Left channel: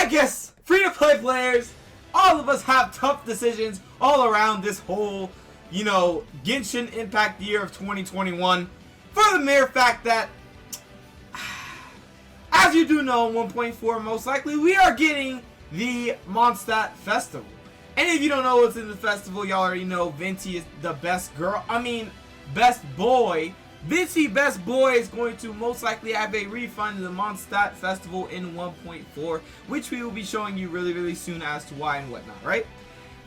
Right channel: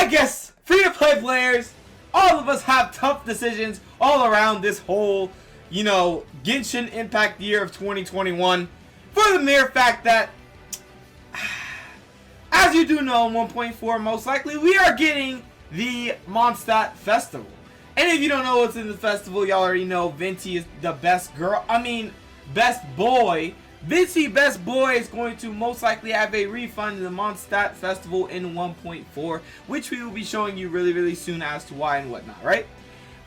I guess free-to-play players, all of us have tough decisions all around this whole, Genshin Impact year of 2021. For the mere fact that, as you do know, in 1.4, most likely, we are getting the Mondstadt Festival. And if you don't know what's in the festival, y'all already know Venti is the best boy. Venti, best boy, is going to most likely have a refund in the Mondstadt Festival in 1.4, which we will be showing you really, really soon as to why and whatnot, right?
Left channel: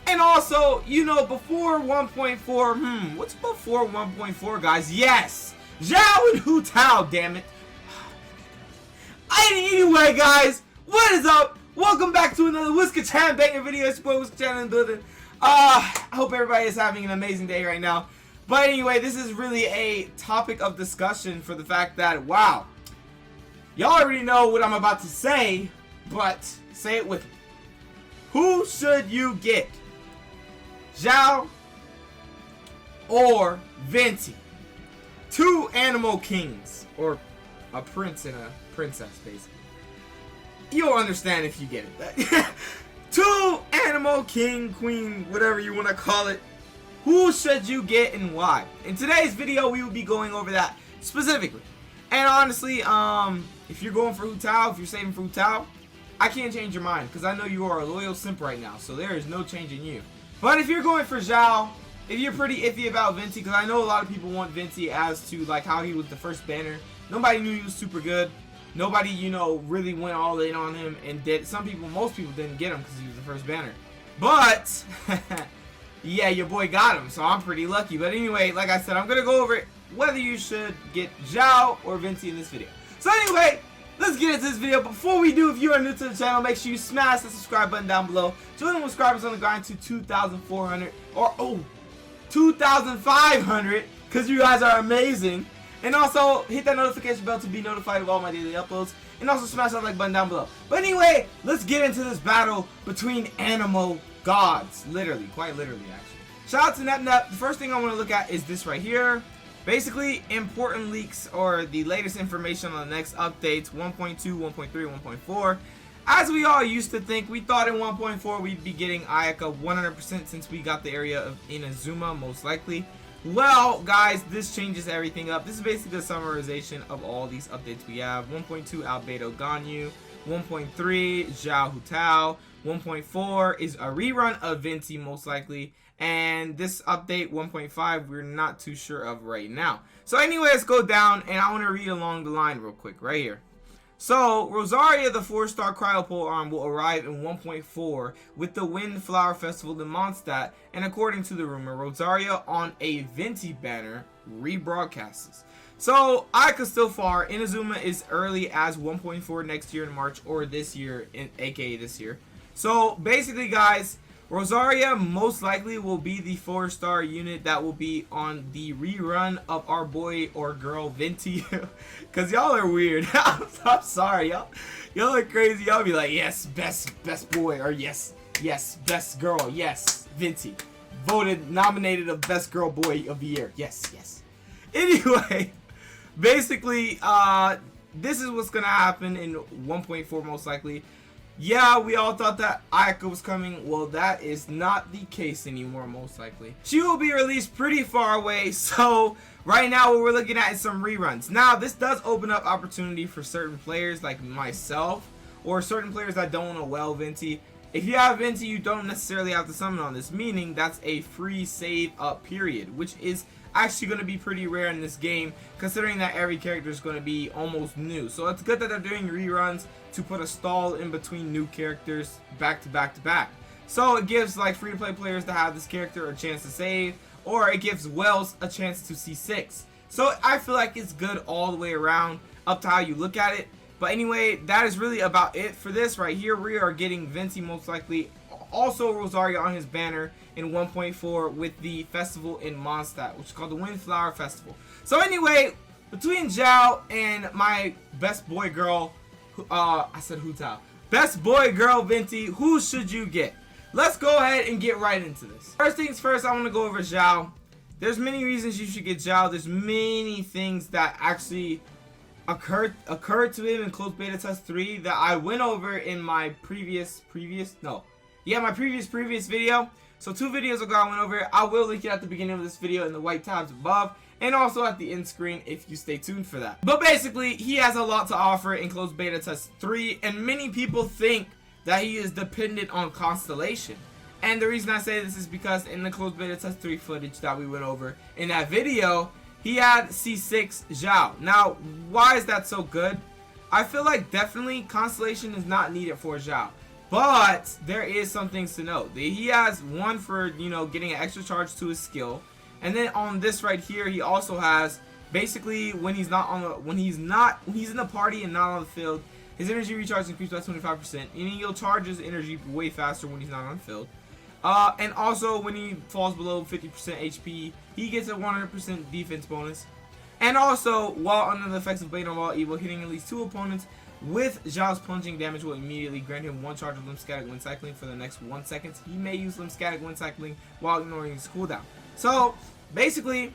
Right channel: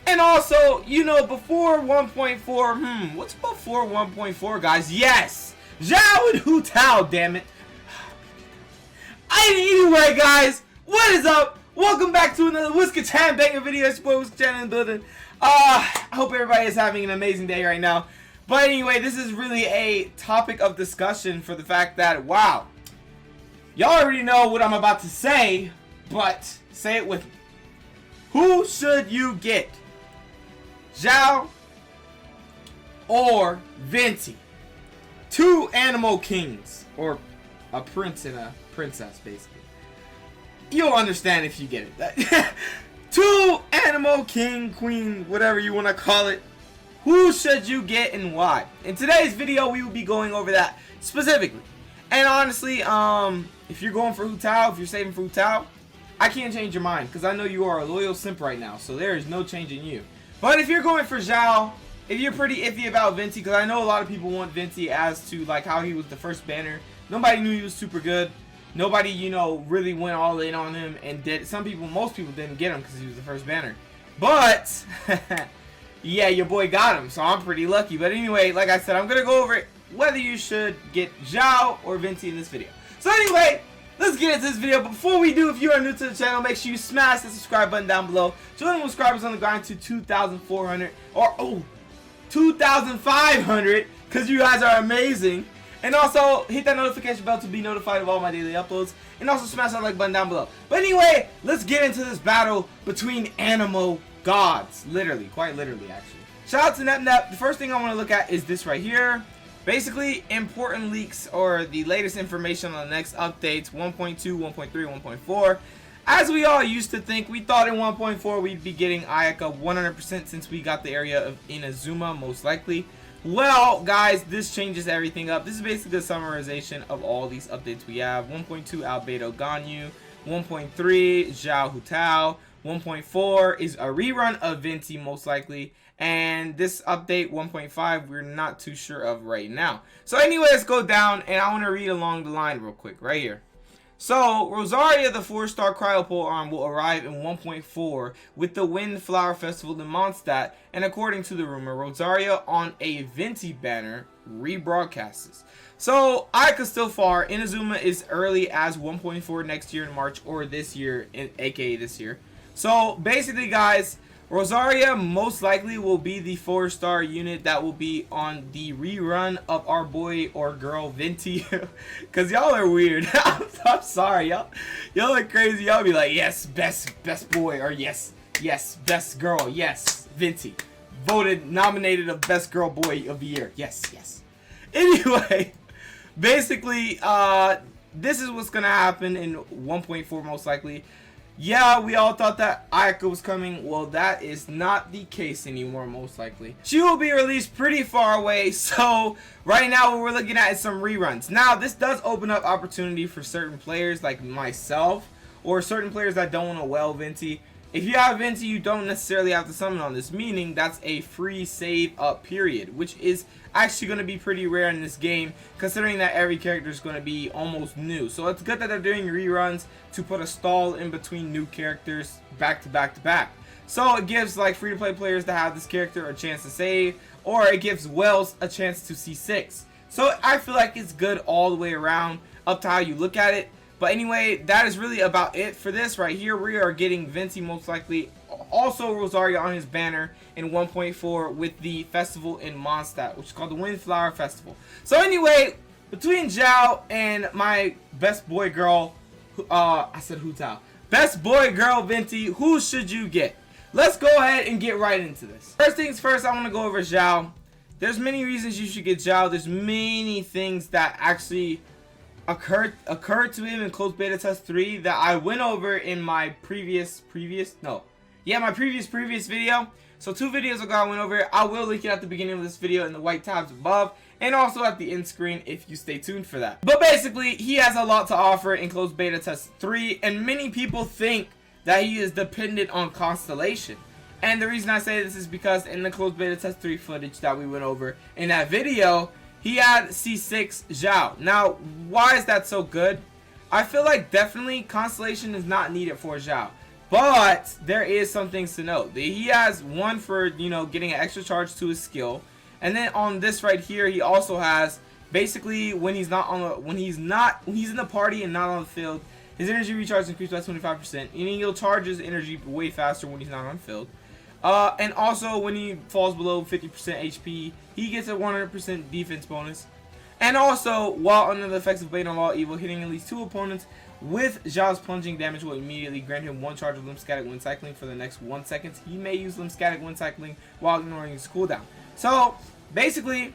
And also, before 1.4, what's before 1.4, guys? Yes! Xiao and Hu-Tao, damn it. Anyway, guys, what is up? Welcome back to another Whisker-chan banger video. It's your boy Whisker-chan in the building. I hope everybody is having an amazing day right now. But anyway, this is really a topic of discussion for the fact that, wow, y'all already know what I'm about to say, but say it with me. Who should you get? Xiao or Venti? Two ANEMO kings, or a prince and a princess, basically. You'll understand if you get it. Two ANEMO king, queen, whatever you want to call it. Who should you get and why? In today's video, we will be going over that specifically. And honestly, if you're going for Hu-Tao, if you're saving for Hu-Tao, I can't change your mind because I know you are a loyal simp right now, so there is no changing you. But if you're going for Xiao, if you're pretty iffy about Venti, because I know a lot of people want Venti as to like how he was the first banner. Nobody knew he was super good. Nobody, really went all in on him and did. Most people didn't get him because he was the first banner. But, yeah, your boy got him, so I'm pretty lucky. But anyway, like I said, I'm going to go over it, whether you should get Xiao or Venti in this video. So anyway, let's get into this video. Before we do, if you are new to the channel, make sure you smash the subscribe button down below. Join the subscribers on the grind to 2,400 or 2,500 because you guys are amazing. And also, hit that notification bell to be notified of all my daily uploads. And also smash that like button down below. But anyway, let's get into this battle between ANEMO gods. Literally, quite literally actually. Shout out to NepNep. The first thing I want to look at is this right here. Basically, important leaks or the latest information on the next updates. 1.2, 1.3, 1.4. As we all used to think, we thought in 1.4 we'd be getting Ayaka 100% since we got the area of Inazuma most likely. Well, guys, this changes everything up. This is basically a summarization of all these updates we have. 1.2 Albedo Ganyu, 1.3 Xiao Hu-Tao, 1.4 is a rerun of Venti most likely, and this update 1.5 we're not too sure of right now. So anyway, let's go down and I want to read along the line real quick right here. So, Rosaria, the 4-star Cryopole arm, will arrive in 1.4 with the Windflower Festival in Mondstadt, and according to the rumor, Rosaria on a Venti banner rebroadcasts. So, Ayaka still far. Inazuma is early as 1.4 next year in March, or this year, aka this year. So, basically, guys, Rosaria most likely will be the 4-star unit that will be on the rerun of our boy or girl Venti. Cause y'all are weird. I'm sorry, y'all are crazy. Y'all be like, yes, best boy, or yes, best girl, yes, Venti. Voted, nominated of best girl boy of the year. Yes. Anyway, basically, this is what's gonna happen in 1.4 most likely. Yeah, we all thought that Ayaka was coming. Well, that is not the case anymore, most likely. She will be released pretty far away, so right now what we're looking at is some reruns. Now, this does open up opportunity for certain players like myself, or certain players that don't want to well Venti. If you have Venti, you don't necessarily have to summon on this, meaning that's a free save up period, which is actually going to be pretty rare in this game, considering that every character is going to be almost new. So it's good that they're doing reruns to put a stall in between new characters back to back to back. So it gives like free-to-play players to have this character a chance to save, or it gives Wells a chance to C6. So I feel like it's good all the way around, up to how you look at it. But anyway, that is really about it for this right here. We are getting Venti most likely, also Rosaria on his banner in 1.4 with the festival in Mondstadt, which is called the Windflower Festival. So anyway, between Xiao and my best boy girl, I said Hu-Tao, best boy girl Venti, who should you get? Let's go ahead and get right into this. First things first, I want to go over Xiao. There's many reasons you should get Xiao. There's many things that actually occurred to him in closed beta test 3 that I went over in my previous video. So 2 videos ago I went over it. I will link it at the beginning of this video in the white tabs above, and also at the end screen if you stay tuned for that. But basically, he has a lot to offer in closed beta test 3, and many people think that he is dependent on Constellation. And the reason I say this is because in the closed beta test 3 footage that we went over in that video, he had C6 Xiao. Now, why is that so good? I feel like definitely Constellation is not needed for Xiao. But there is some things to note. He has one for, you know, getting an extra charge to his skill. And then on this right here, he also has basically when he's in the party and not on the field, his energy recharge increased by 25%. Meaning he'll charge his energy way faster when he's not on the field. And also when he falls below 50% HP, he gets a 100% defense bonus. And also, while under the effects of Blade on All Evil, hitting at least 2 opponents with Xiao's plunging damage will immediately grant him 1 charge of Limb Static when cycling for the next 1 second. He may use Limb Static when cycling while ignoring his cooldown. So, basically,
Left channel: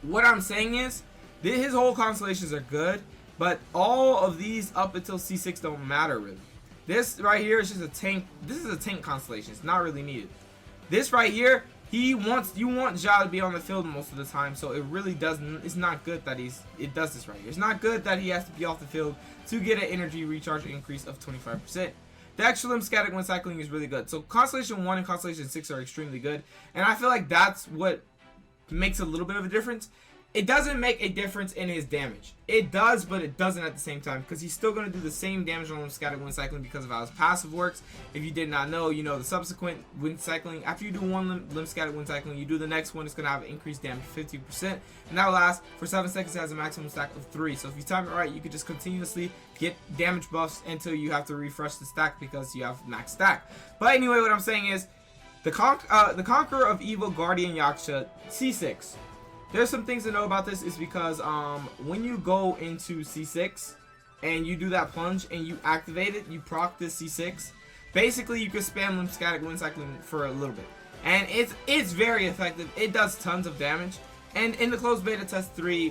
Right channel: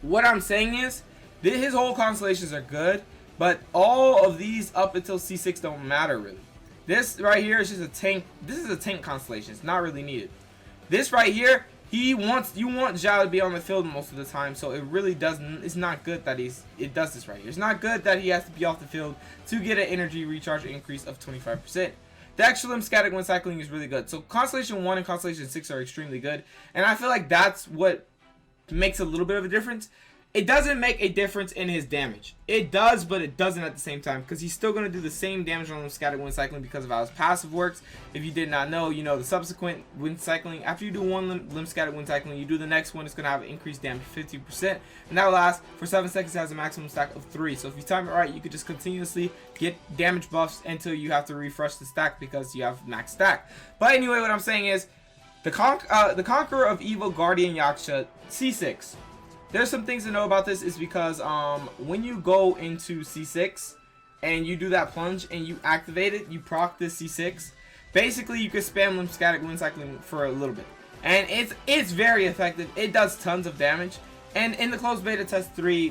what I'm saying is, his whole constellations are good, but all of these up until C6 don't matter really. This right here is just a tank. This is a tank constellation. It's not really needed. This right here, you want Xiao to be on the field most of the time, so it really doesn't. It's not good that it does this right here. It's not good that he has to be off the field to get an energy recharge increase of 25%. The extra Limb Static when cycling is really good. So Constellation 1 and Constellation 6 are extremely good, and I feel like that's what makes a little bit of a difference. It doesn't make a difference in his damage. It does, but it doesn't at the same time, because he's still going to do the same damage on Limb Static when cycling because of how his passive works. If you did not know, you know the subsequent when cycling, after you do one Limb Static when cycling, you do the next one, it's going to have increased damage 50%, and that will last for 7 seconds. It has a maximum stack of 3. So if you time it right, you could just continuously get damage buffs until you have to refresh the stack because you have max stack. But anyway, what I'm saying is, the Conqueror of Evil Guardian Yaksha C6. There's some things to know about this is because when you go into C6 and you do that plunge and you activate it, you proc this C6, basically you can spam Limb Static when cycling for a little bit. And it's very effective. It does tons of damage. And in the closed beta test 3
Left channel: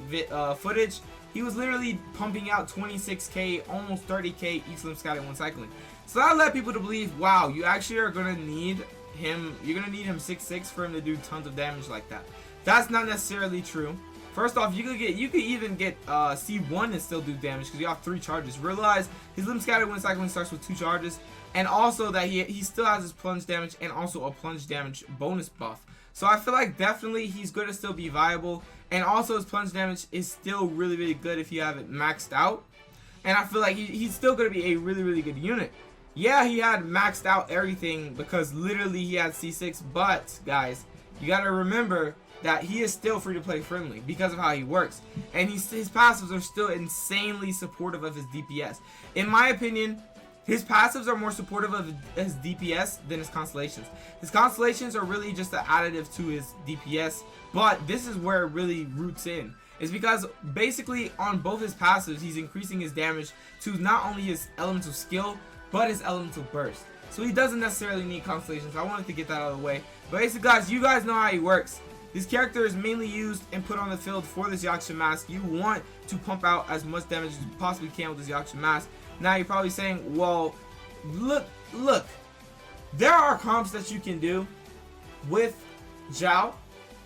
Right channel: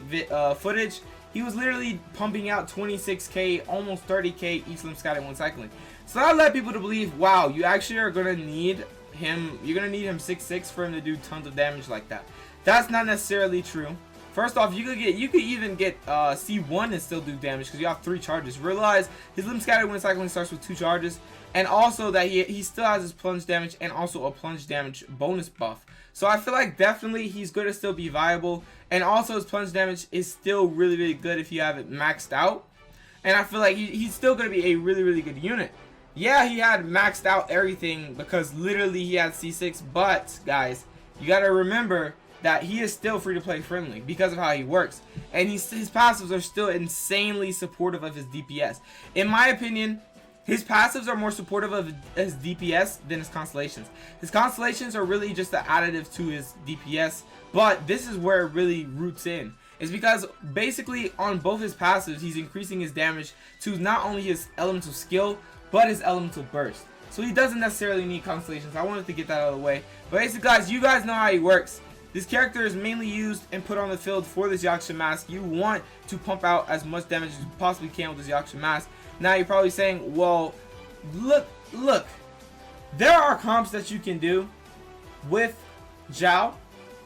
footage, he was literally pumping out 26k, almost 30k each Limb Static when cycling. So that led people to believe, wow, you actually are going to need him, you're going to need him 6/6 for him to do tons of damage like that. That's not necessarily true. First off, you could even get C1 and still do damage because you have 3 charges. Realize his Limb Scatter when cycling starts with 2 charges, and also that he still has his plunge damage and also a plunge damage bonus buff. So I feel like definitely he's going to still be viable, and also his plunge damage is still really, really good if you have it maxed out. And I feel like he's still going to be a really, really good unit. Yeah, he had maxed out everything because literally he had C6, but guys, you got to remember that he is still free to play friendly because of how he works, and his passives are still insanely supportive of his DPS. In my opinion, his passives are more supportive of his DPS than his constellations. His constellations are really just an additive to his DPS, but this is where it really roots in. Is because basically on both his passives, he's increasing his damage to not only his elemental skill, but his elemental burst. So he doesn't necessarily need constellations. I wanted to get that out of the way. But basically, guys, you guys know how he works. This character is mainly used and put on the field for this Yaksha mask. You want to pump out as much damage as you possibly can with this Yaksha mask. Now you're probably saying, well, look, there are comps that you can do with Xiao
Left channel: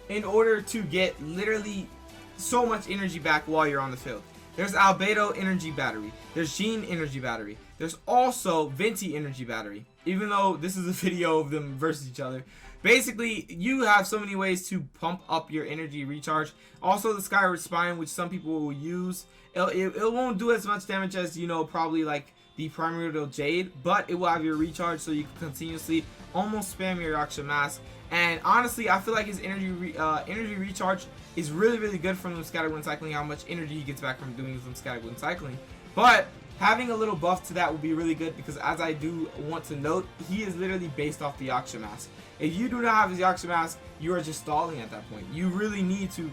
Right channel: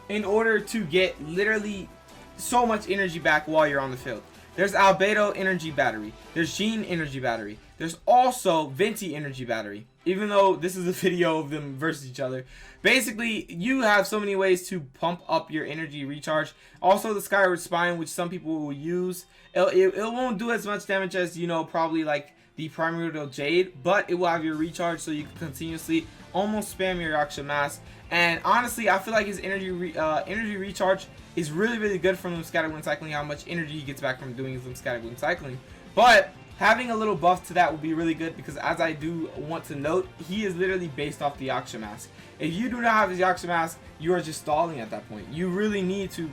in order to get literally so much energy back while you're on the field. There's Albedo Energy Battery. There's Jean Energy Battery. There's also Venti Energy Battery. Even though this is a video of them versus each other. Basically, you have so many ways to pump up your energy recharge. Also, the Skyward Spine, which some people will use. It won't do as much damage as, you know, probably like the Primordial Jade. But it will have your recharge so you can continuously almost spam your Yaksha mask. And honestly, I feel like his energy recharge is really, really good for Limb Scatter when cycling, how much energy he gets back from doing his Limb Scatter when cycling. But having a little buff to that would be really good because, as I do want to note, he is literally based off the Yaksha mask. If you do not have his Yaksha mask, you are just stalling at that point. You really need to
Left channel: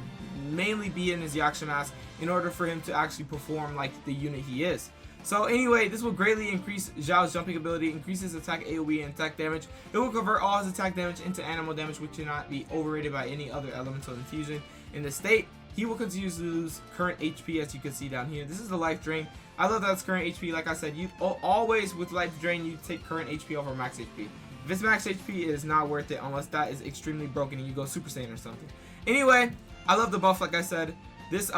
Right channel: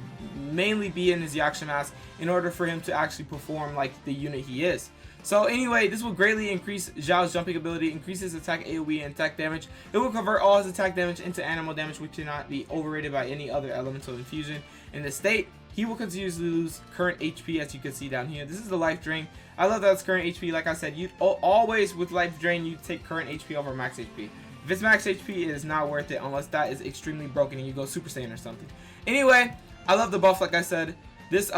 mainly be in his Yaksha mask in order for him to actually perform like the unit he is. So anyway, this will greatly increase Xiao's jumping ability, increase his attack AoE and attack damage. It will convert all his attack damage into ANEMO damage, which cannot be overrated by any other elemental infusion in the state. he will continue to lose current HP, as you can see down here. This is the life drain. I love that it's current HP. Like I said, you always with life drain, you take current HP over max HP. If it's max HP, it is not worth it unless that is extremely broken and you go Super Saiyan or something. Anyway, I love the buff. Like I said, this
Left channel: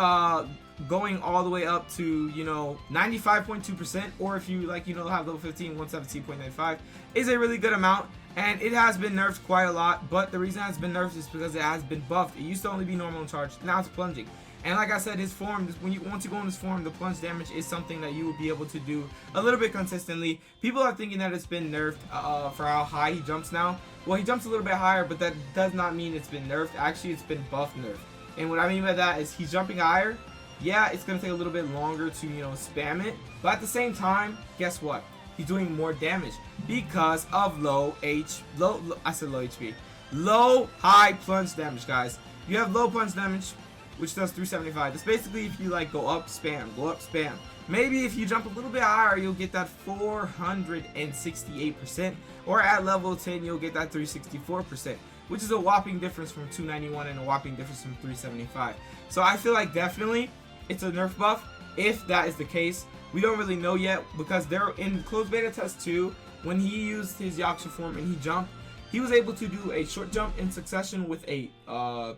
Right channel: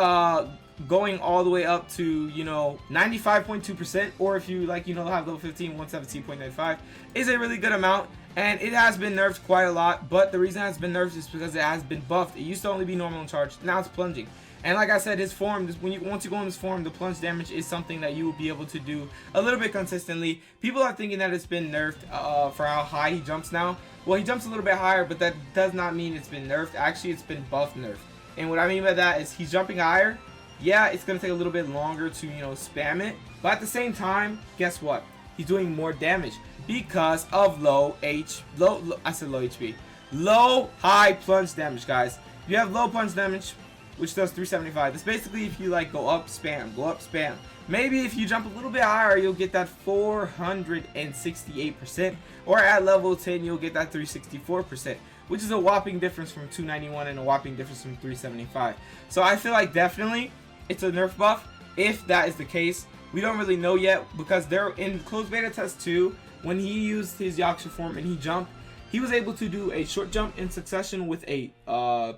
going all the way up to, you know, 95.2%, or if you like, you know, have level 15, 117.95 is a really good amount. And it has been nerfed quite a lot, but the reason it has been nerfed is because it has been buffed. It used to only be normal and charged, now it's plunging. And like I said, his form, once you go in this form, the plunge damage is something that you will be able to do a little bit consistently. People are thinking that it's been nerfed for how high he jumps now. Well, he jumps a little bit higher, but that does not mean it's been nerfed. Actually, it's been buff nerfed. And what I mean by that is he's jumping higher. Yeah, it's going to take a little bit longer to, you know, spam it. But at the same time, guess what? He's doing more damage because of low high plunge damage, guys. You have low plunge damage, which does 375. It's basically if you like go up, spam, go up, spam. Maybe if you jump a little bit higher, you'll get that 468%, or at level 10, you'll get that 364%, which is a whopping difference from 291 and a whopping difference from 375. So I feel like definitely it's a nerf buff. If that is the case, we don't really know yet, because they're in closed beta test 2. When he used his Yaksha form and he jumped, he was able to do a short jump in succession with a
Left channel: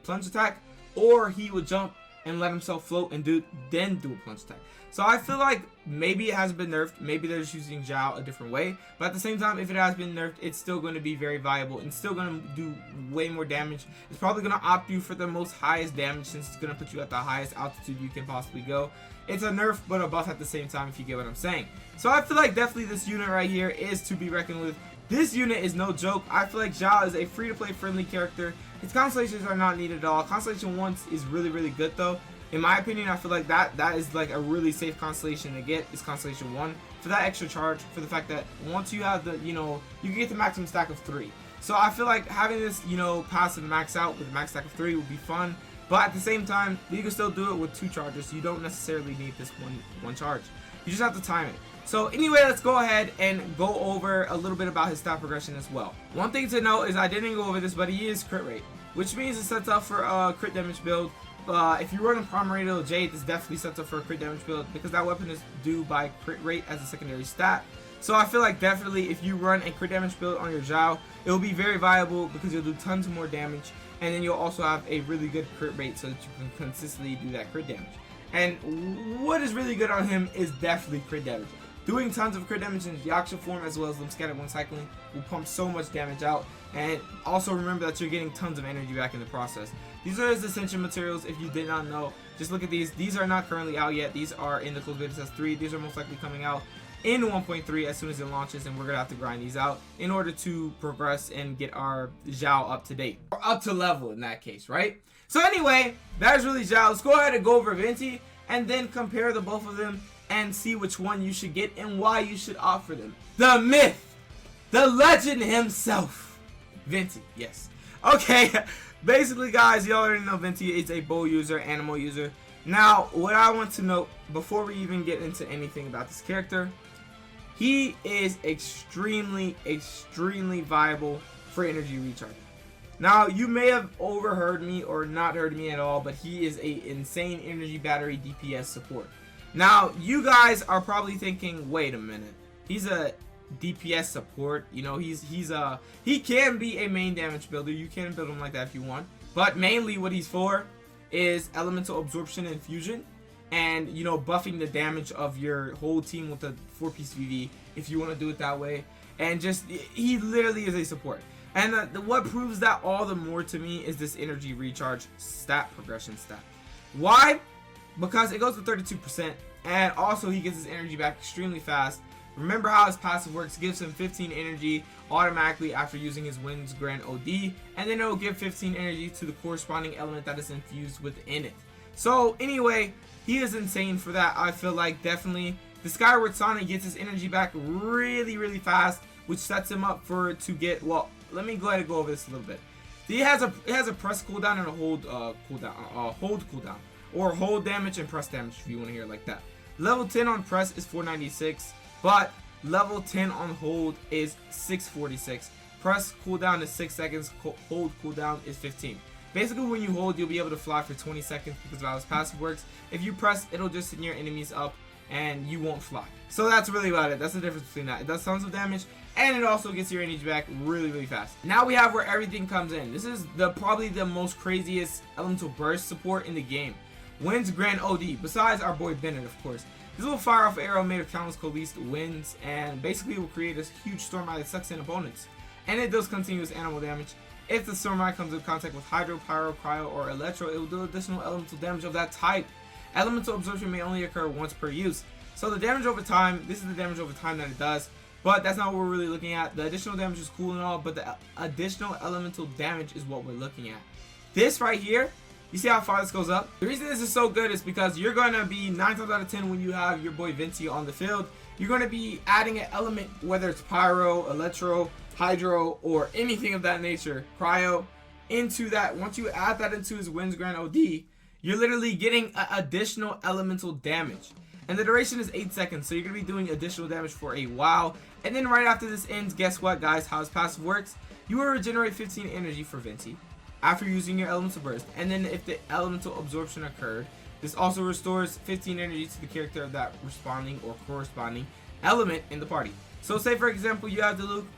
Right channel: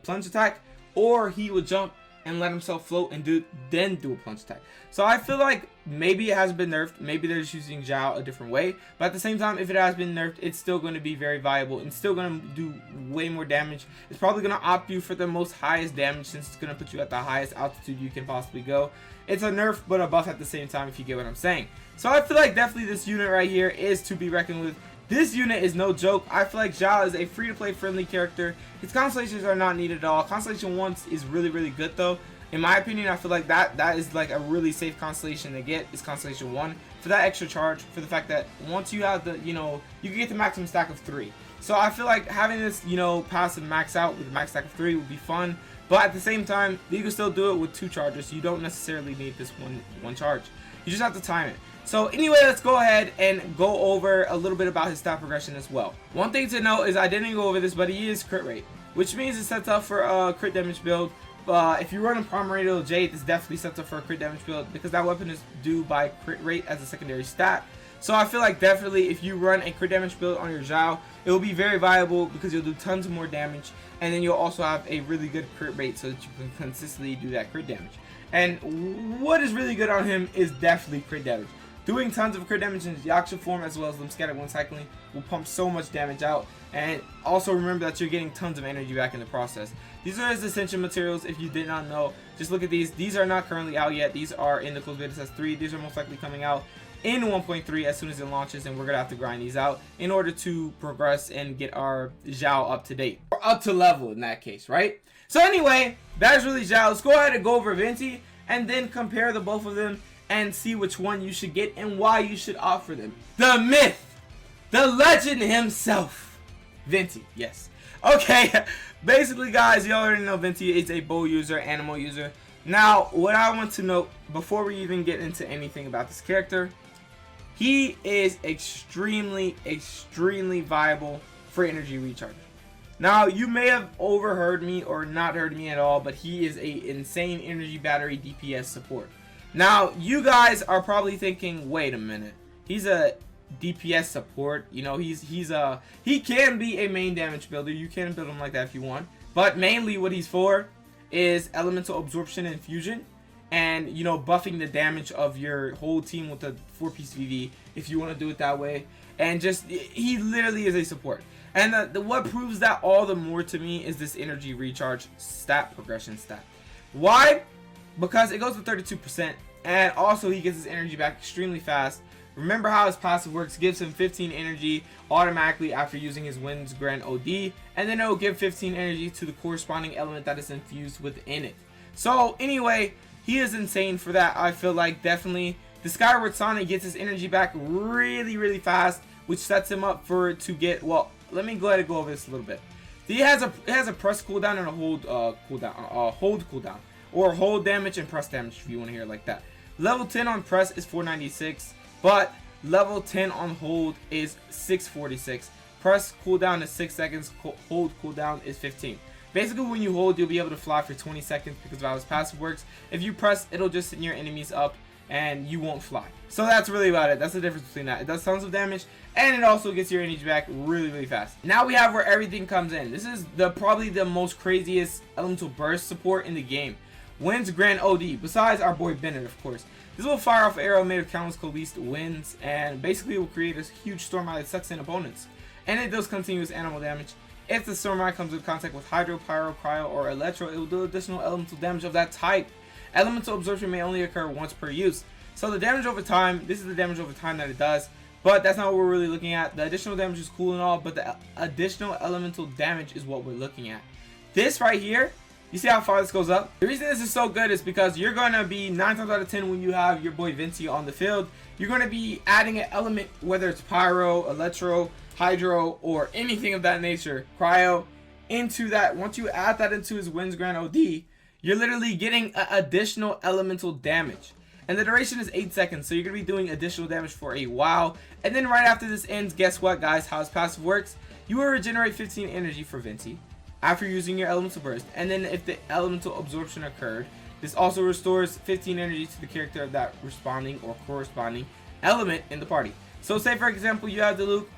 plunge attack, or he would jump and let himself float and then do a plunge attack. So I feel like maybe it has been nerfed, maybe they're just using Xiao a different way, but at the same time, if it has been nerfed, it's still going to be very viable and still going to do way more damage. It's probably going to opt you for the most highest damage, since it's going to put you at the highest altitude you can possibly go. It's a nerf but a buff at the same time, if you get what I'm saying. So I feel like definitely this unit right here is to be reckoned with. This unit is no joke. I feel like Xiao is a free-to-play friendly character. His constellations are not needed at all. Constellation 1 is really, really good though. In my opinion, I feel like that is like a really safe constellation to get, is Constellation 1, for that extra charge, for the fact that once you have the, you know, you can get the maximum stack of 3. So I feel like having this, you know, passive max out with a max stack of 3 would be fun, but at the same time, you can still do it with 2 charges. So you don't necessarily need this one charge. You just have to time it. So anyway, let's go ahead and go over a little bit about his stat progression as well. One thing to note is I didn't go over this, but he is crit rate, which means it sets up for a crit damage build. If you run a Primordial Jade, this definitely sets up for a crit damage build, because that weapon is due by crit rate as a secondary stat. So I feel like definitely if you run a crit damage build on your Xiao, it will be very viable, because you'll do tons more damage, and then you'll also have a really good crit rate so that you can consistently do that crit damage. And what is really good on him is definitely crit damage. Doing tons of crit damage in his Yaksha form, as well as Limb-Scattered One cycling, will pump so much damage out. And also remember that you're getting tons of energy back in the process. These are his Ascension materials, if you did not know. Just look at these. These are not currently out yet. These are in the closed beta test 3. These are most likely coming out in 1.3 as soon as it launches, and we're going to have to grind these out in order to progress and get our Xiao up to date. Or up to level in that case, right? So anyway, that is really Xiao. Let's go ahead and go over Venti, and then compare the both of them and see which one you should get and why you should opt for them. The myth, the legend himself, Venti. Yes. Okay. Basically, guys, you already know Venti is a bow user, ANEMO user. Now, what I want to note before we even get into anything about this character, he is extremely viable for energy recharge. Now, you may have overheard me or not heard me at all, but he is a insane energy battery DPS support. Now, you guys are probably thinking, wait a minute, he's a DPS support, you know, he can be a main damage builder. You can build him like that if you want, but mainly what he's for is elemental absorption and fusion, and, you know, buffing the damage of your whole team with a 4-piece VV if you want to do it that way. And just, he literally is a support. And what proves that all the more to me is this energy recharge stat progression stat. Why? Because it goes to 32%, and also he gets his energy back extremely fast. Remember how his passive works: gives him 15 energy automatically after using his Wind's Grand OD, and then it will give 15 energy to the corresponding element that is infused within it. So anyway, he is insane for that. I feel like definitely the Skyward Sonic gets his energy back really fast, which sets him up to get, well, let me go ahead and go over this a little bit. It has a press cooldown and a hold cooldown, or hold damage and press damage, if you want to hear it like that. Level 10 on press is 496, but level 10 on hold is 646. Press cooldown is 6 seconds, hold cooldown is 15. Basically, when you hold, you'll be able to fly for 20 seconds because of how his passive works. If you press, it'll just send your enemies up and you won't fly. So that's really about it. That's the difference between that. It does tons of damage and it also gets your energy back really fast. Now we have where everything comes in. This is probably the most craziest elemental burst support in the game. Winds Grand OD, besides our boy Bennett, of course. This will fire off an arrow made of countless coalesced winds, and basically it will create a huge storm eye that sucks in opponents. And it does continuous animal damage. If the storm eye comes in contact with hydro, pyro, cryo, or electro, it will do additional elemental damage of that type. Elemental absorption may only occur once per use. So the damage over time, this is the damage over time that it does, but that's not what we're really looking at. The additional damage is cool and all, but the additional elemental damage is what we're looking at. This right here, you see how far this goes up? The reason this is so good is because you're going to be 9 times out of 10 when you have your boy Venti on the field, you're going to be adding an element, whether it's pyro, electro, hydro, or anything of that nature, cryo, into that. Once you add that into his Winds Grand OD, you're literally getting additional elemental damage. And the duration is 8 seconds, so you're going to be doing additional damage for a while. And then right after this ends, guess what, guys? How his passive works? You will regenerate 15 energy for Venti after using your elemental burst. And then if the elemental absorption occurred, this also restores 15 energy to the character of that responding or corresponding element in the party. So say for example, you have the Luke,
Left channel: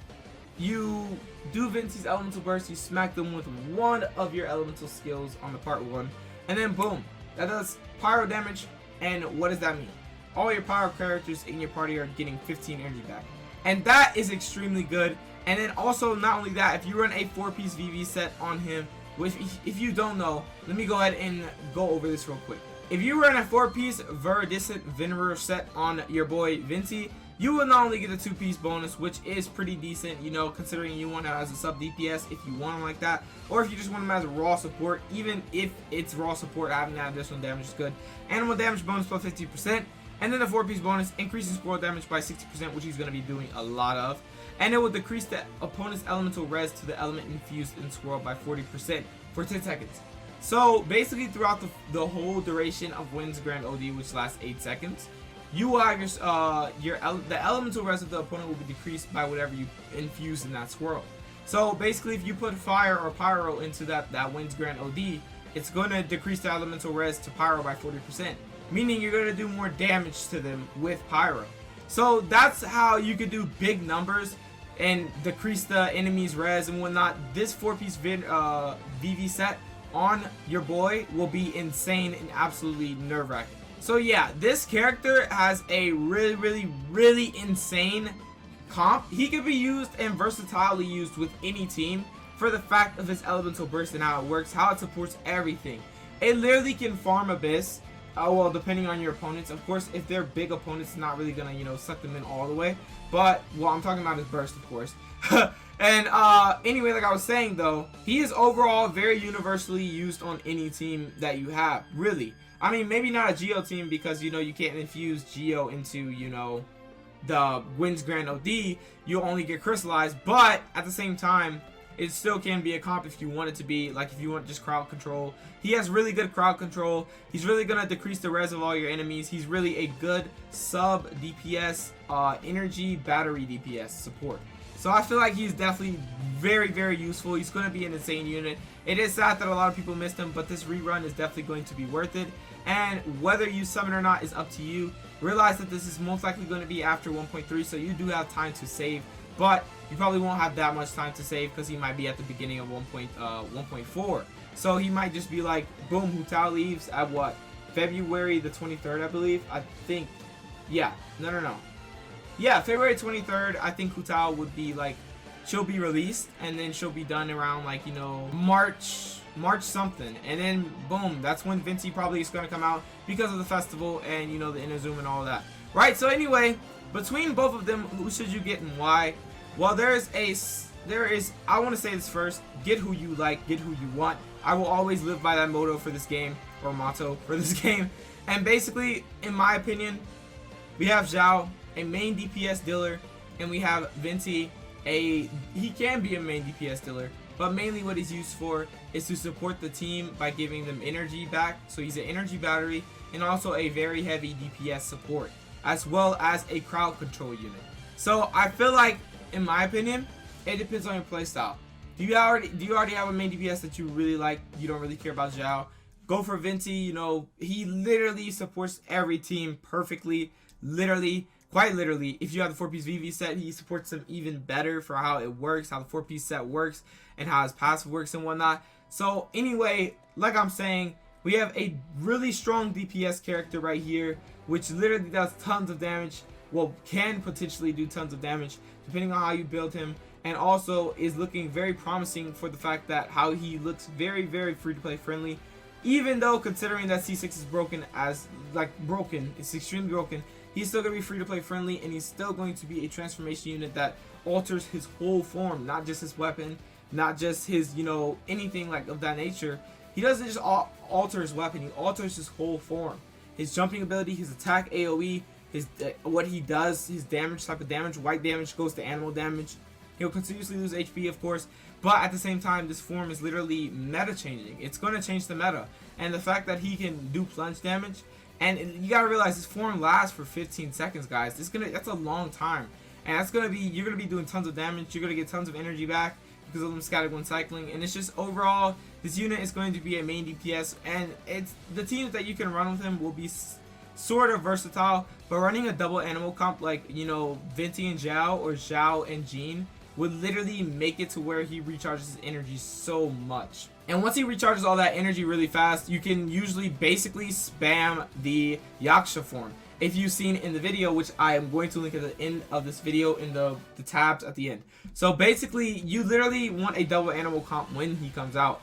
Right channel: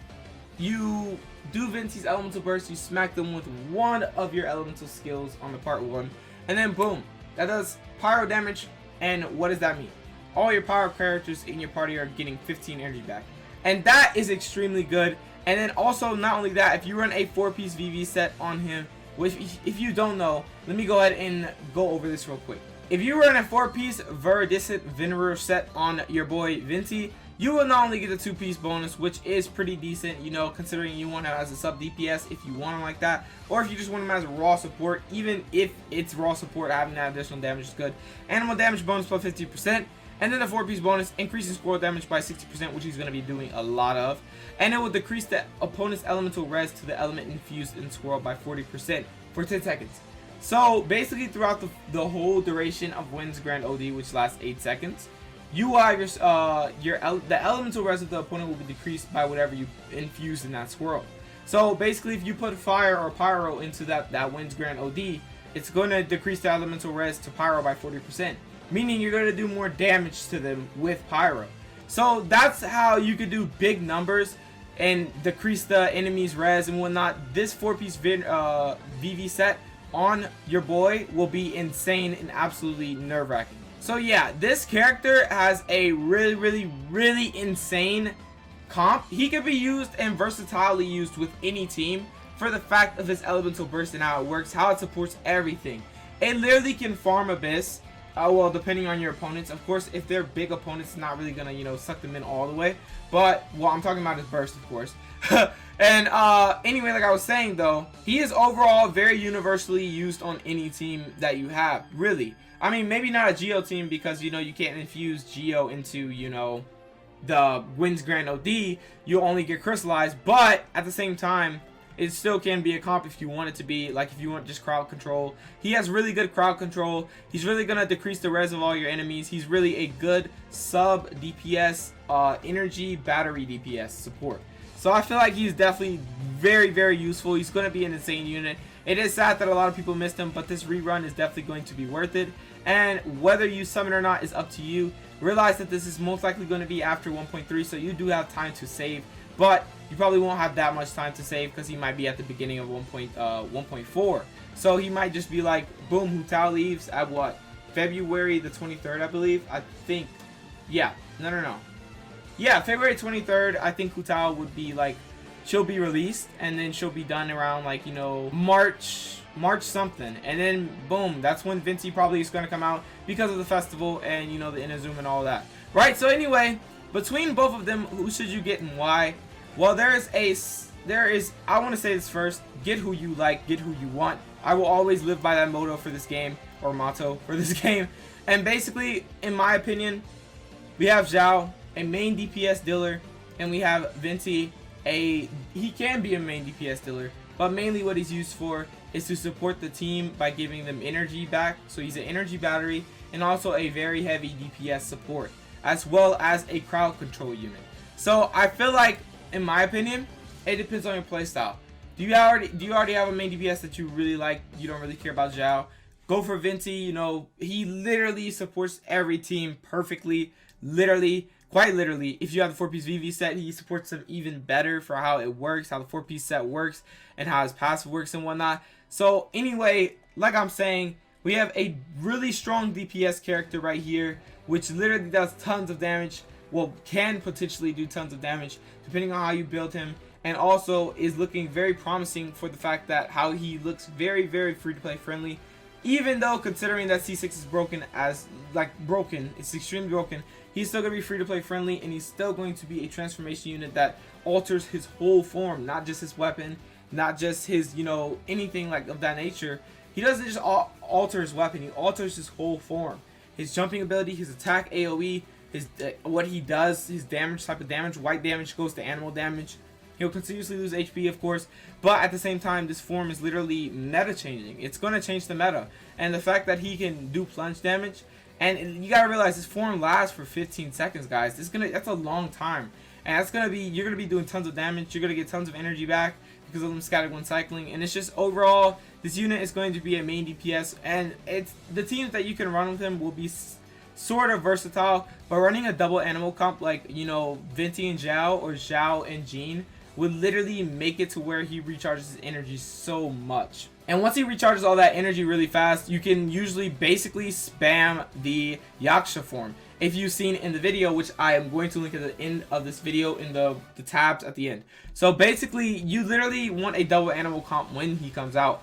you do Venti's elemental burst, you smack them with one of your elemental skills on the part 1, and then boom, that does pyro damage. And what does that mean? All your pyro characters in your party are getting 15 energy back, and that is extremely good. And then also, not only that, if you run a 4-piece VV set on him, which if you don't know, let me go ahead and go over this real quick. If you run a 4-piece Viridescent Venerer set on your boy Venti, you will not only get a 2-piece bonus, which is pretty decent, you know, considering you want him as a sub DPS if you want him like that, or if you just want him as a raw support. Even if it's raw support, having that additional damage is good. Animal damage bonus plus 50%, and then the 4-piece bonus, increasing squirrel damage by 60%, which he's going to be doing a lot of. And it will decrease the opponent's elemental res to the element infused in squirrel by 40% for 10 seconds. So basically throughout the whole duration of Winds Grand OD, which lasts 8 seconds, you have the elemental res of the opponent will be decreased by whatever you infuse in that swirl. So basically, if you put fire or pyro into that Winds Grand OD, it's going to decrease the elemental res to pyro by 40%, meaning you're going to do more damage to them with pyro. So that's how you could do big numbers and decrease the enemy's res and whatnot. This 4-piece VV set on your boy will be insane and absolutely nerve-wracking. So yeah, this character has a really insane comp. He could be used and versatilely used with any team for the fact of his elemental burst and how it works, how it supports everything. It literally can farm Abyss, well, depending on your opponents. Of course, if they're big opponents, it's not really gonna, you know, suck them in all the way. But what I'm talking about is burst, of course. And anyway, like I was saying though, he is overall very universally used on any team that you have, really. I mean, maybe not a Geo team because, you know, you can't infuse Geo into, you know, the Winds Grand OD. You only get crystallized, but at the same time, it still can be a comp if you want it to be. Like if you want just crowd control, he has really good crowd control. He's really gonna decrease the res of all your enemies. He's really a good sub DPS, energy battery DPS support. So I feel like he's definitely very useful. He's gonna be an insane unit. It is sad that a lot of people missed him, but this rerun is definitely going to be worth it. And whether you summon or not is up to you. Realize that this is most likely going to be after 1.3, so you do have time to save, but you probably won't have that much time to save because he might be at the beginning of 1.4. So he might just be like, boom, Hu Tao leaves at what? February the 23rd, I believe. I think, yeah, no. Yeah, February 23rd, I think Hu Tao would be like, she'll be released, and then she'll be done around like, you know, March something, and then boom, that's when Venti probably is going to come out because of the festival and, you know, the Inazuma and all that, right? So anyway, between both of them, who should you get and why? Well, there is I want to say this first: get who you like, get who you want. I will always live by that motto for this game, or motto for this game. And basically, in my opinion, we have Xiao, a main DPS dealer, and we have Venti, he can be a main DPS dealer, but mainly what he's used for is to support the team by giving them energy back. So he's an energy battery and also a very heavy DPS support, as well as a crowd control unit. So I feel like, in my opinion, it depends on your playstyle. Do you already have a main DPS that you really like? You don't really care about Xiao? Go for Venti. You know, he literally supports every team perfectly. Literally, quite literally. If you have the 4-piece VV set, he supports them even better for how it works, how the 4-piece set works, and how his passive works and whatnot. So anyway, like I'm saying, we have a really strong DPS character right here, which literally does tons of damage. Well, can potentially do tons of damage depending on how you build him, and also is looking very promising for the fact that how he looks very, very free to play friendly. Even though considering that C6 is broken, it's extremely broken, he's still going to be free to play friendly, and he's still going to be a transformation unit that alters his whole form, not just his weapon, not just his, you know, anything like of that nature. He doesn't just alter his weapon, he alters his whole form. His jumping ability, his attack AoE, his what he does, his damage type of damage, white damage goes to animal damage. He'll continuously lose HP, of course, but at the same time, this form is literally meta changing. It's going to change the meta, and the fact that he can do plunge damage, and you gotta realize this form lasts for 15 seconds, guys. That's a long time, and you're gonna be doing tons of damage. You're gonna get tons of energy back because of them scattered when cycling, and it's just overall, this unit is going to be a main DPS, and it's the teams that you can run with him will be sort of versatile, but running a double animal comp like, you know, Venti and Xiao or Xiao and Jean would literally make it to where he recharges his energy so much. And once he recharges all that energy really fast, you can usually basically spam the Yaksha form. If you've seen in the video, which I am going to link at the end of this video in the tabs at the end. So basically, you literally want a double animal comp when he comes out,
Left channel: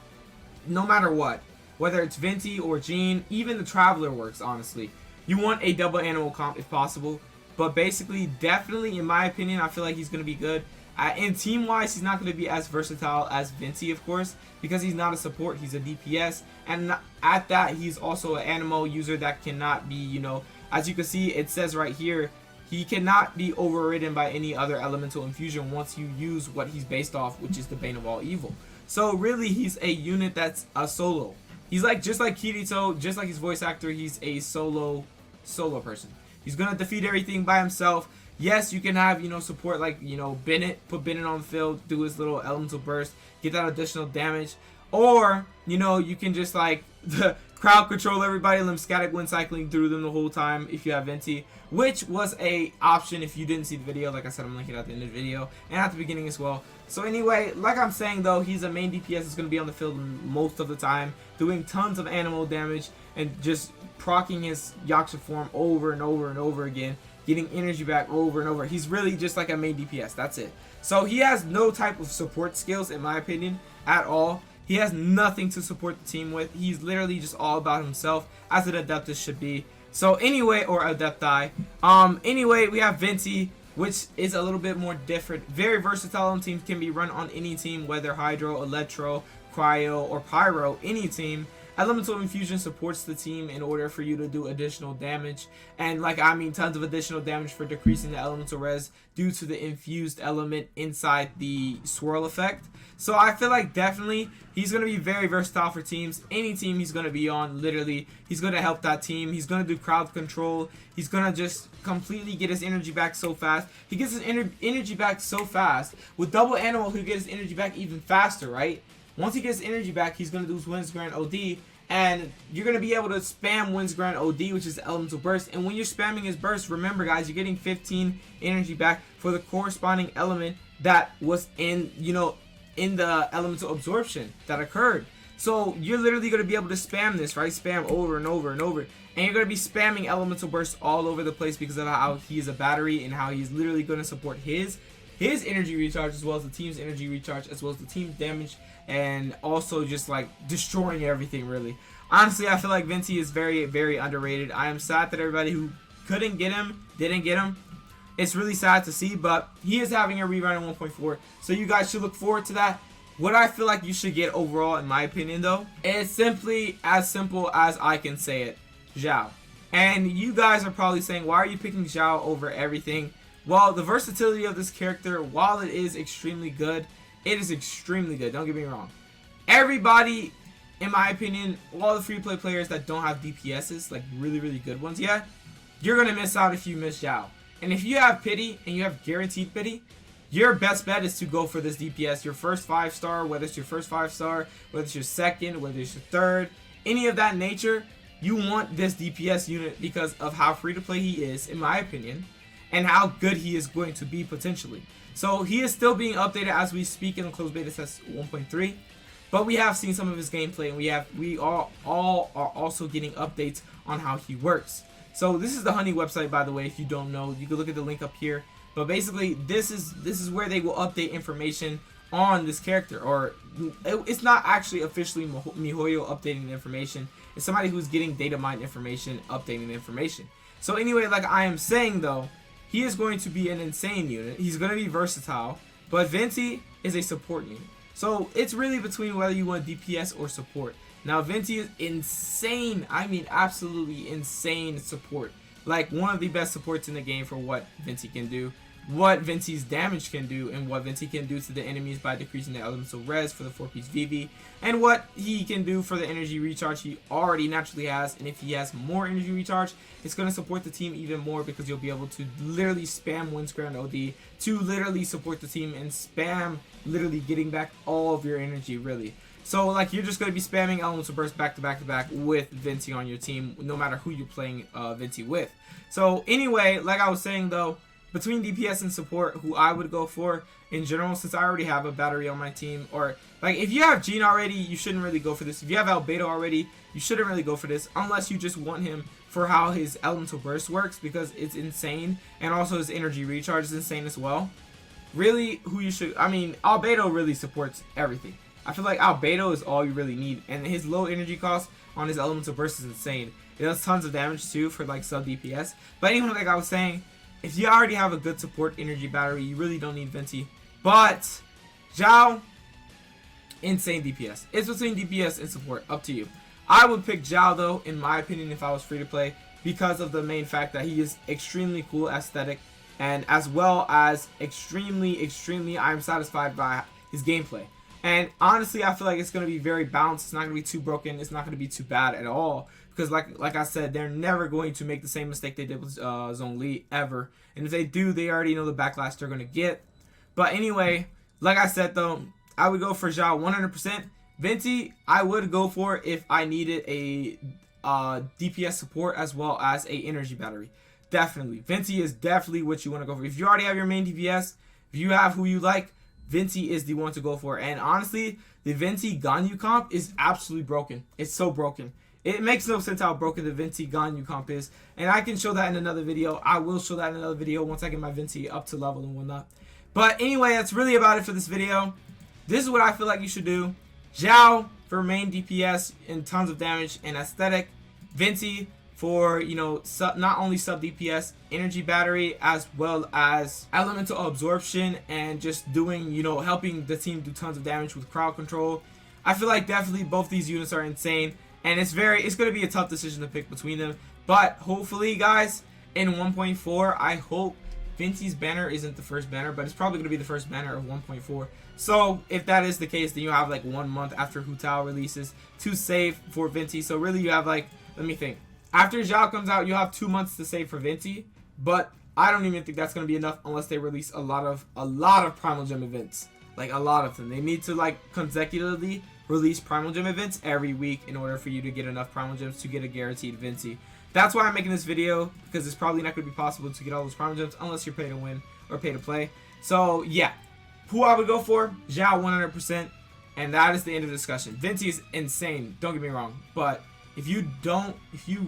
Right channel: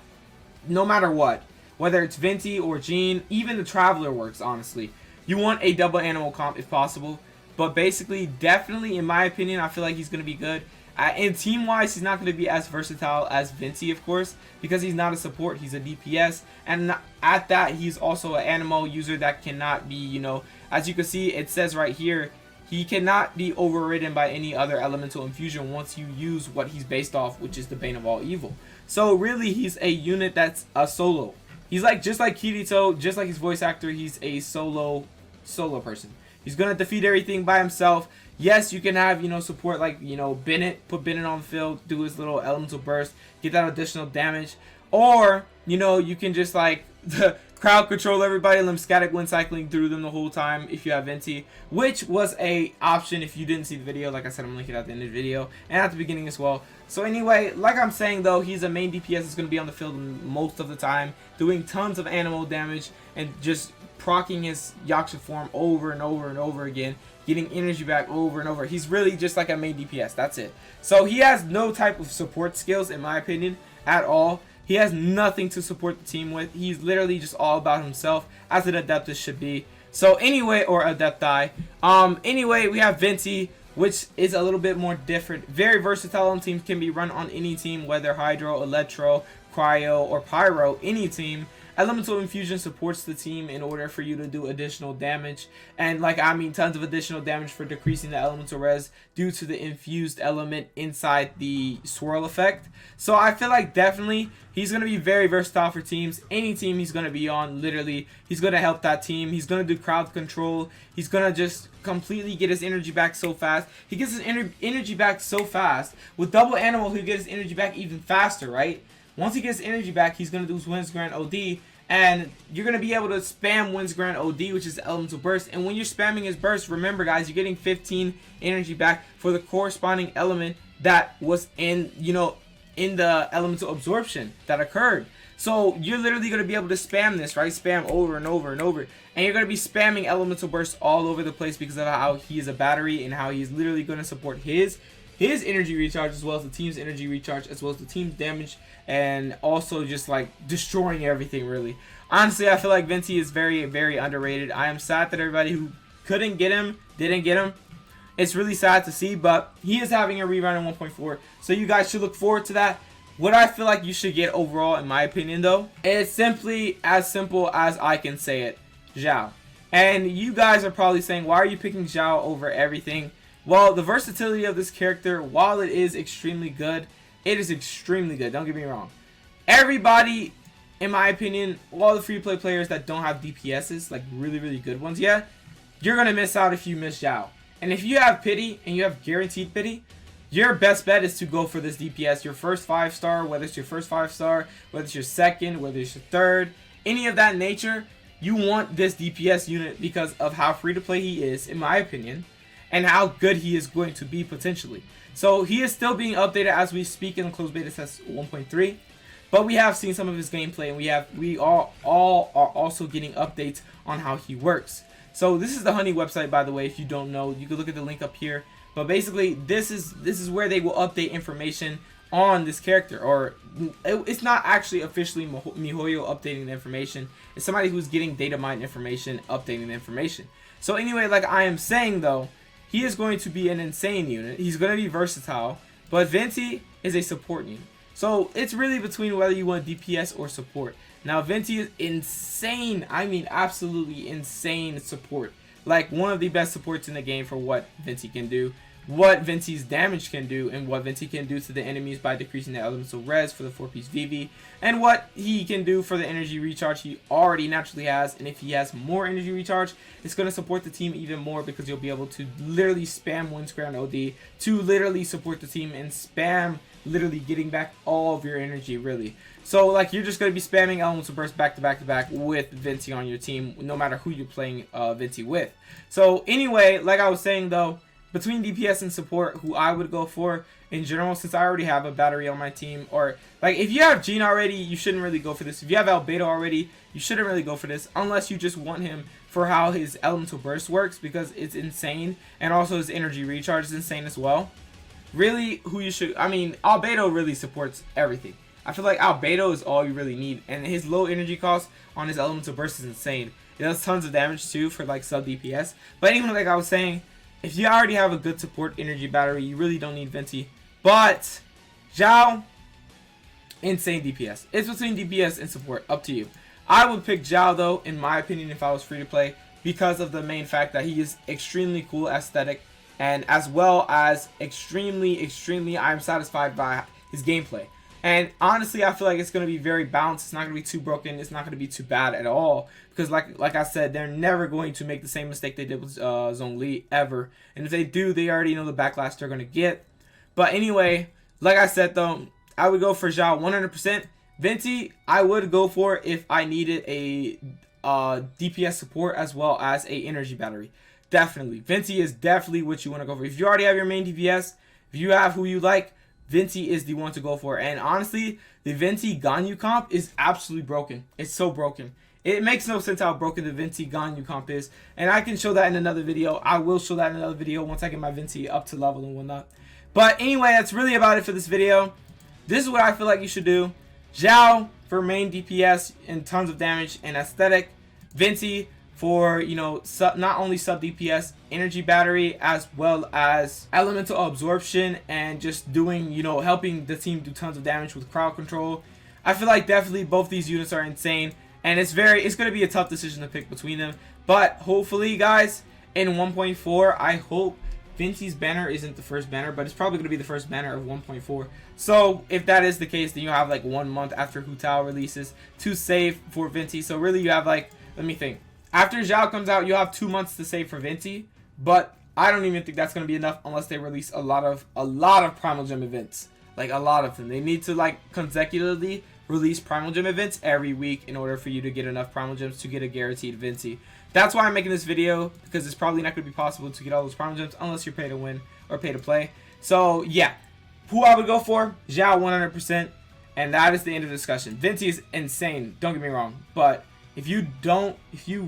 no matter what. Whether it's Venti or Jean, even the Traveler works, honestly. You want a double animal comp if possible. But basically, definitely, in my opinion, I feel like he's going to be good. And team-wise, he's not going to be as versatile as Venti, of course, because he's not a support, he's a DPS. And at that, he's also an ANEMO user that cannot be, you know, as you can see, it says right here, he cannot be overridden by any other elemental infusion once you use what he's based off, which is the Bane of all evil. So really, he's a unit that's a solo. He's like, just like Kirito, just like his voice actor, he's a solo person. He's going to defeat everything by himself. Yes, you can have, you know, support like, you know, Bennett, put Bennett on the field, do his little elemental burst, get that additional damage. Or, you know, you can just like crowd control everybody, let them static wind cycling through them the whole time if you have Venti, which was a option if you didn't see the video. Like I said, I'm linking it at the end of the video and at the beginning as well. So anyway, like I'm saying though, he's a main DPS that's going to be on the field most of the time, doing tons of animal damage and just proccing his Yaksha form over and over and over again, getting energy back over and over. He's really just like a main DPS, that's it. So he has no type of support skills, in my opinion, at all. He has nothing to support the team with. He's literally just all about himself, as an Adeptus should be. So anyway, or Adepti. Anyway, we have Venti, which is a little bit more different. Very versatile on teams, can be run on any team, whether Hydro, Electro, Cryo, or Pyro, any team. Elemental Infusion supports the team in order for you to do additional damage, and like I mean tons of additional damage for decreasing the elemental res due to the infused element inside the swirl effect. So I feel like definitely he's going to be very versatile for teams. Any team he's going to be on, literally, he's going to help that team. He's going to do crowd control. He's going to just completely get his energy back so fast. He gets his energy back so fast. With double animal, he'll get his energy back even faster, right? Once he gets energy back, he's going to do his Winds Grant OD, and you're going to be able to spam Winds Grant OD, which is Elemental Burst. And when you're spamming his burst, remember guys, you're getting 15 energy back for the corresponding element that was in, you know, in the elemental absorption that occurred. So you're literally going to be able to spam this, right? Spam over and over and over. And you're going to be spamming Elemental Burst all over the place because of how he is a battery and how he's literally going to support his energy recharge as well as the team's energy recharge as well as the team's damage, and also just like destroying everything really. Honestly, I feel like Venti is very, very underrated. I am sad that everybody who couldn't get him didn't get him. It's really sad to see, but he is having a rerun in 1.4, so you guys should look forward to that. What I feel like you should get overall, in my opinion though, is simply as simple as I can say it, Xiao. And you guys are probably saying, why are you picking Xiao over everything? Well, the versatility of this character, while it is extremely good, it is extremely good, don't get me wrong. Everybody, in my opinion, all the free play players that don't have DPSs, like really, really good ones yet, you're going to miss out if you miss Xiao. And if you have pity, and you have guaranteed pity, your best bet is to go for this DPS. Your first 5-star, whether it's your first 5-star, whether it's your second, whether it's your third, any of that nature, you want this DPS unit because of how free to play he is, in my opinion, and how good he is going to be potentially. So he is still being updated as we speak in the closed beta test 1.3, but we have seen some of his gameplay, and we all are also getting updates on how he works. So this is the Honey website, by the way. If you don't know, you can look at the link up here. But basically, this is where they will update information on this character, or it's not actually officially MiHoYo updating the information. It's somebody who's getting data mined information, updating the information. So anyway, like I am saying though, he is going to be an insane unit. He's going to be versatile, but Venti is a support unit. So it's really between whether you want DPS or support. Now Venti is insane. I mean, absolutely insane support. Like one of the best supports in the game for what Venti can do, what Venti's damage can do, and what Venti can do to the enemies by decreasing the elemental res for the 4-piece VV, and what he can do for the energy recharge he already naturally has. And if he has more energy recharge, it's going to support the team even more, because you'll be able to literally spam win square on OD to literally support the team and spam literally getting back all of your energy, really. So like you're just going to be spamming elemental burst back to back to back with Venti on your team, no matter who you're playing Venti with. So anyway, like I was saying though, between DPS and support, who I would go for in general, since I already have a battery on my team, or like if you have Jean already, you shouldn't really go for this. If you have Albedo already, you shouldn't really go for this, unless you just want him for how his elemental burst works, because it's insane, and also his energy recharge is insane as well. Really, who you should, I mean, Albedo really supports everything. I feel like Albedo is all you really need, and his low energy cost on his elemental burst is insane. It does tons of damage too for like sub DPS. But anyway, like I was saying, if you already have a good support energy battery, you really don't need Venti. But Xiao, insane DPS. It's between DPS and support, up to you. I would pick Xiao though, in my opinion, if I was free to play, because of the main fact that he is extremely cool aesthetic, and as well as extremely I'm satisfied by his gameplay. And honestly, I feel like it's going to be very balanced. It's not going to be too broken. It's not going to be too bad at all. Because like I said, they're never going to make the same mistake they did with Zhongli ever. And if they do, they already know the backlash they're going to get. But anyway, like I said though, I would go for Xiao 100%. Venti, I would go for if I needed a DPS support as well as a energy battery. Definitely. Venti is definitely what you want to go for. If you already have your main DPS, if you have who you like, Venti is the one to go for. And honestly, the Venti Ganyu comp is absolutely broken. It's so broken. It makes no sense how broken the Venti Ganyu comp is. And I can show that in another video. I will show that in another video once I get my Venti up to level and whatnot. But anyway, that's really about it for this video. This is what I feel like you should do. Xiao for main DPS and tons of damage and aesthetic. Venti for, you know, not only sub DPS, energy battery, as well as elemental absorption, and just doing, you know, helping the team do tons of damage with crowd control. I feel like definitely both these units are insane, and it's going to be a tough decision to pick between them. But hopefully, guys, in 1.4, I hope Venti's banner isn't the first banner, but it's probably going to be the first banner of 1.4. So if that is the case, then you'll have like 1 month after Hu Tao releases to save for Venti. So really, you have like, let me think. After Xiao comes out, you'll have 2 months to save for Venti, but I don't even think that's going to be enough unless they release a lot of Primal Gem events. Like a lot of them. They need to like consecutively release Primal Gem events every week in order for you to get enough Primal Gems to get a guaranteed Venti. That's why I'm making this video, because it's probably not going to be possible to get all those Primal Gems unless you're pay to win or pay to play. So yeah, who I would go for? Xiao 100%, and that is the end of the discussion. Venti is insane, don't get me wrong, but if you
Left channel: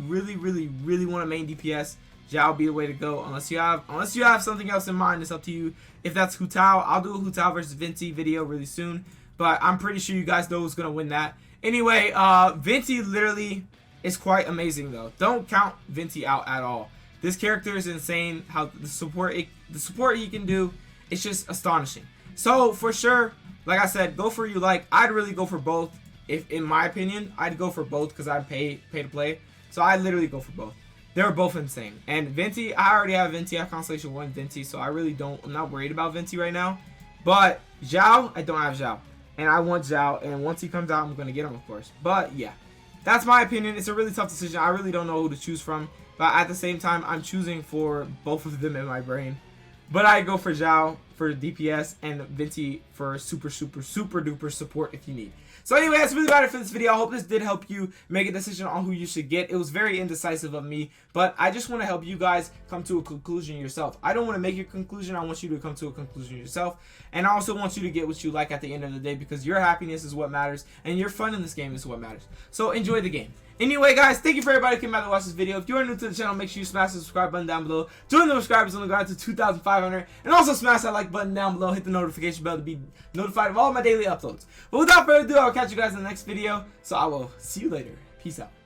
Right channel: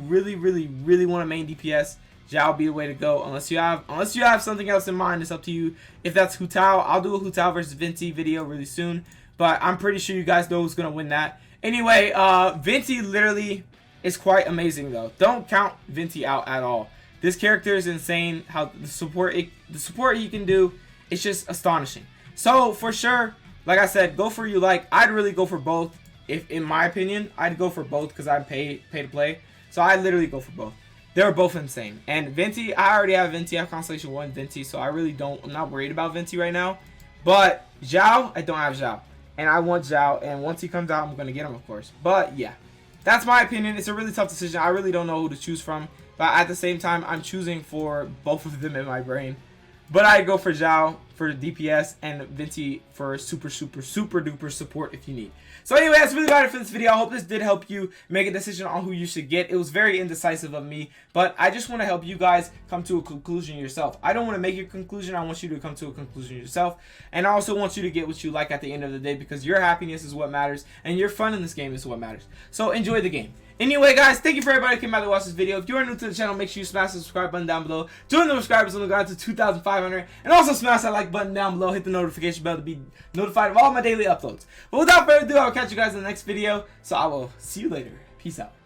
really want to main DPS, Xiao will be the way to go. Unless you have something else in mind, it's up to you. If that's Hu Tao, I'll do a Hu Tao versus Venti video really soon. But I'm pretty sure you guys know who's gonna win that. Anyway, Venti literally is quite amazing though. Don't count Venti out at all. This character is insane. How the support he can do, it's just astonishing. So for sure, like I said, go for you like. I'd really go for both. If in my opinion, I'd go for both because I pay to play. So I literally go for both. They're both insane. And Venti, I already have Venti. I have Constellation 1 Venti, so I really don't. I'm not worried about Venti right now. But Xiao, I don't have Xiao, and I want Xiao. And once he comes out, I'm gonna get him, of course. But yeah, that's my opinion. It's a really tough decision. I really don't know who to choose from. But at the same time, I'm choosing for both of them in my brain. But I'd go for Xiao for DPS, and Venti for super duper support if you need. So anyway, that's really about it for this video. I hope this did help you make a decision on who you should get. It was very indecisive of me, but I just want to help you guys come to a conclusion yourself. I don't want to make your conclusion. I want you to come to a conclusion yourself, and I also want you to get what you like at the end of the day, because your happiness is what matters and your fun in this game is what matters. So enjoy the game. Anyway, guys, thank you for everybody who came out to watch this video. If you are new to the channel, make sure you smash the subscribe button down below. Join the subscribers on the ground to 2,500. And also smash that like button down below. Hit the notification bell to be notified of all my daily uploads. But without further ado, I'll catch you guys in the next video. So I will see you later. Peace out.